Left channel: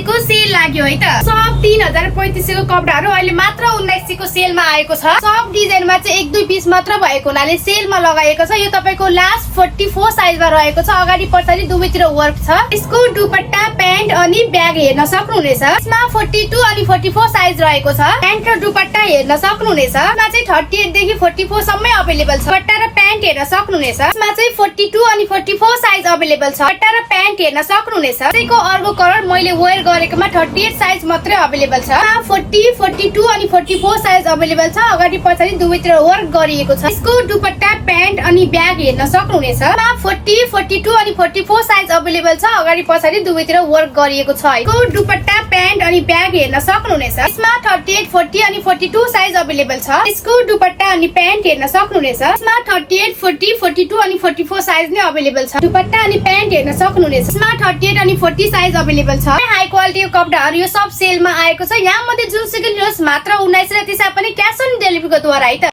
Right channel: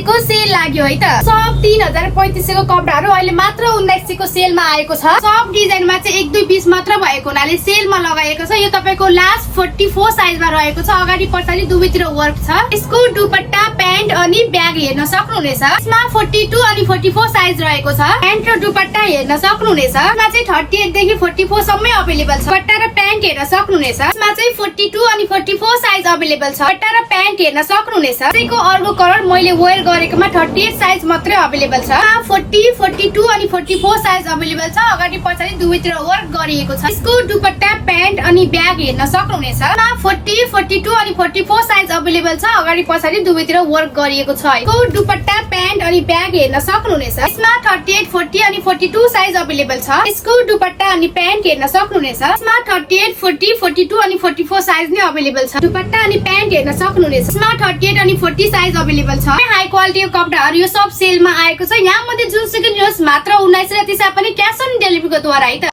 गतेको सेल लाग्यो है त। सब 3035 को कपडाहरू अहिले मात्र 1900 को सेलमा आएको छ। सब डिजाइनमा चाहिँ एक दुई पीस मात्र भएको हुनाले सेलमा लगाएको छ। यो तपाईको लास्ट 44 साइजमा रहेको छ। अगाडि पछाडि दुवैतिर वर्क छ। यसको दुपट्टा प्यान्ट अनि ब्याग हेर्न सक्नुहुनेछ। यसमा 42 अनि 44 साइज रहेको छ। प्यान्ट र दुपट्टा हेर्न सक्नुहुनेछ। यसमा चाहिँ 38 देखि 44 सम्मै अवेलेबल छ। दुपट्टा र प्यान्ट हेर्न सक्नुहुनेछ। यसमा चाहिँ 42 अनि 44 साइज अवेलेबल छ। दुपट्टा र प्यान्ट हेर्न सक्नुहुनेछ। यसको अर्को कलर मैले वेयर गरेकोमा 38 साइज मात्रै अवेलेबल छ। 40, 42 अनि 44 साइज अवेलेबल छ। अगाडि पछाडि दुवैतिर वर्क गरिएको छ। यसको दुपट्टा प्यान्ट अनि ब्याग हेर्न सक्नुहुनेछ। 40, 42 अनि 44 साइज अवेलेबल छ। अगाडि पछाडि दुवैतिर वर्क गरिएको छ। यसको दुपट्टा प्यान्ट अनि ब्याग हेर्न सक्नुहुनेछ। यसमा 38, 40 अनि 42 साइज अवेलेबल छ। यसको दुपट्टा अनि प्यान्ट हेर्न सक्नुहुनेछ। यसमा 38, 40, 42 अनि 44 साइज नै अवेलेबल छ। दुपट्टा अनि प्यान्ट हेर्न सक्नुहुनेछ। यसमा 38 अनि 40 साइज अवेलेबल छ। हाई क्वालिटीको कपडाहरू यो सब सेलमा आएको छ। यहाँ मध्ये जुनसुकै लिनुहोस् मात्र 1900 र त्यसै पनि क्याश अन डेलिभरीको द्वारा है त।